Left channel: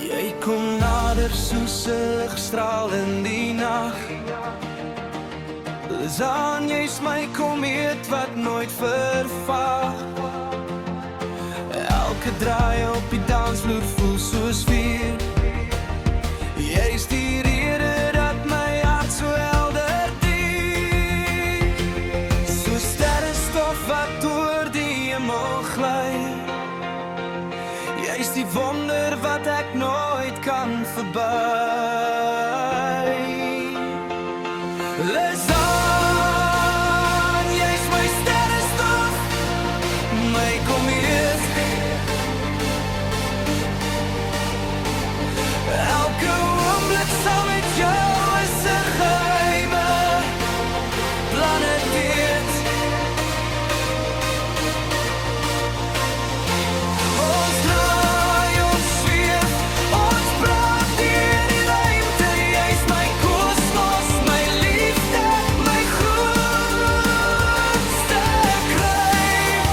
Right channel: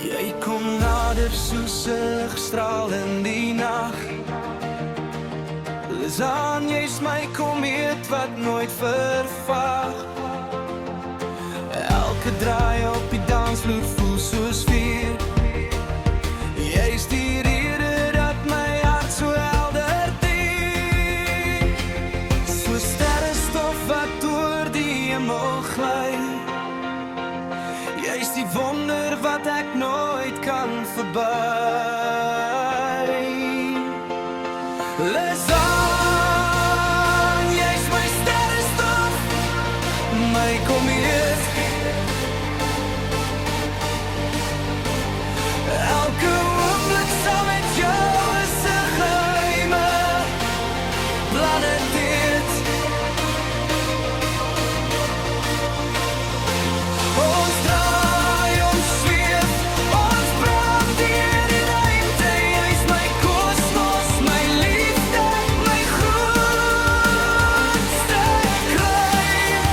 Jy kom nader soos 'n ligstraal in die nag. Lizaan, jy's my komeet wat nooit vervaag. Elke draai op die dansvloer voel soos vuur. Jy's die rede dat my hart so helder teen. So sterrenstof wat oor die hemel gly. Jy's die wonder wat ek nooit kan verby. Lizaan, jy's my sterrenstof, my komeet. Elke oomblik saam met jou is 'n geheime planeet. Ons draai, ons zweef, ons brand deur die ruimte. Jy's my kosmos, my liefde, my grootste kryf.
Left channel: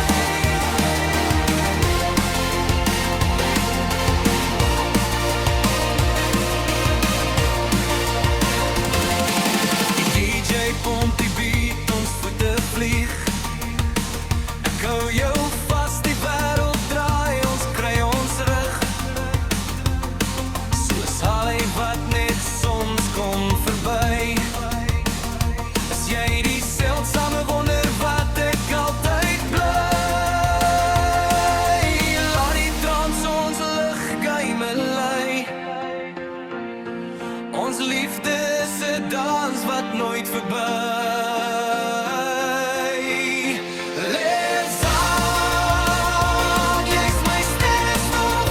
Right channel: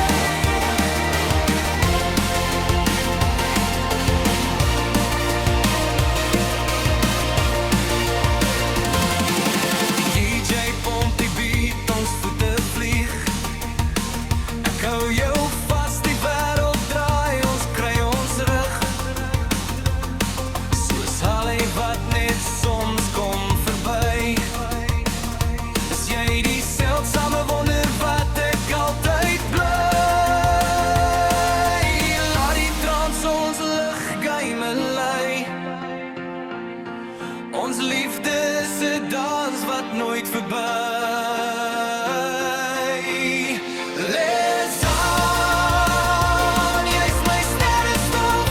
Die DJ pomp die beat, ons voete vlieg. Ek hou jou vast, die wêreld draai, ons kry ons rug. Soos Halle wat net soms kom verby. Is jy die seldsame wonder wat ek altyd bly. Laat die trans ons liggeheime lei. Ons liefde is 'n dans wat nooit verby. Lizaan, jy's my sterrenstof,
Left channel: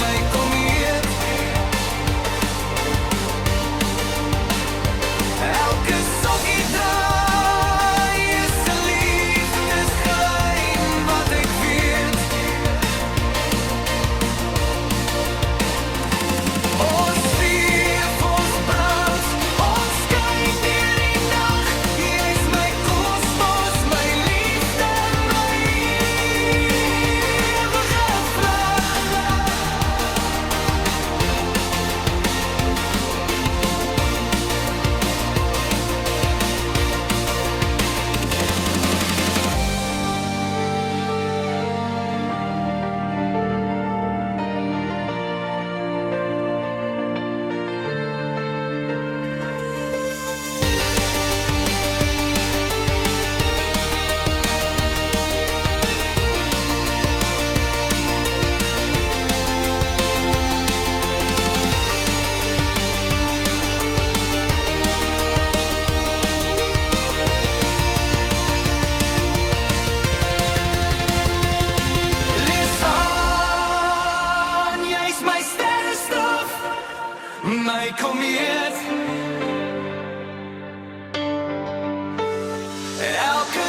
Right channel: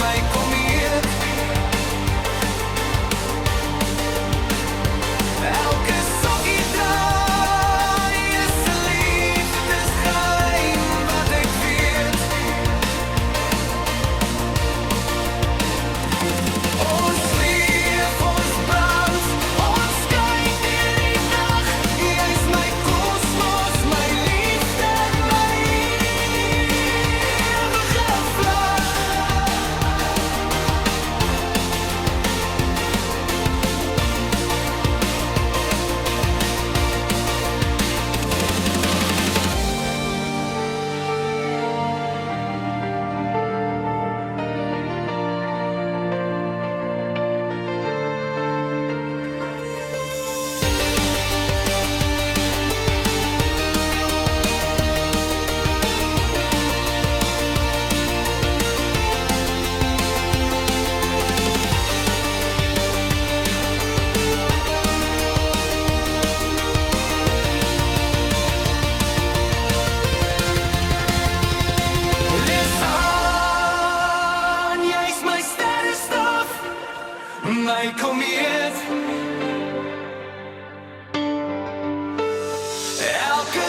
my komeet. Elke sokkie draai is 'n liefdesgeheim wat ek weet. Ons zweef, ons brand, ons skyn deur die nag. Jy's my kosmos, my liefde, my ewige vlag. Lizaan, jy's my sterrenstof, my komeet. Elke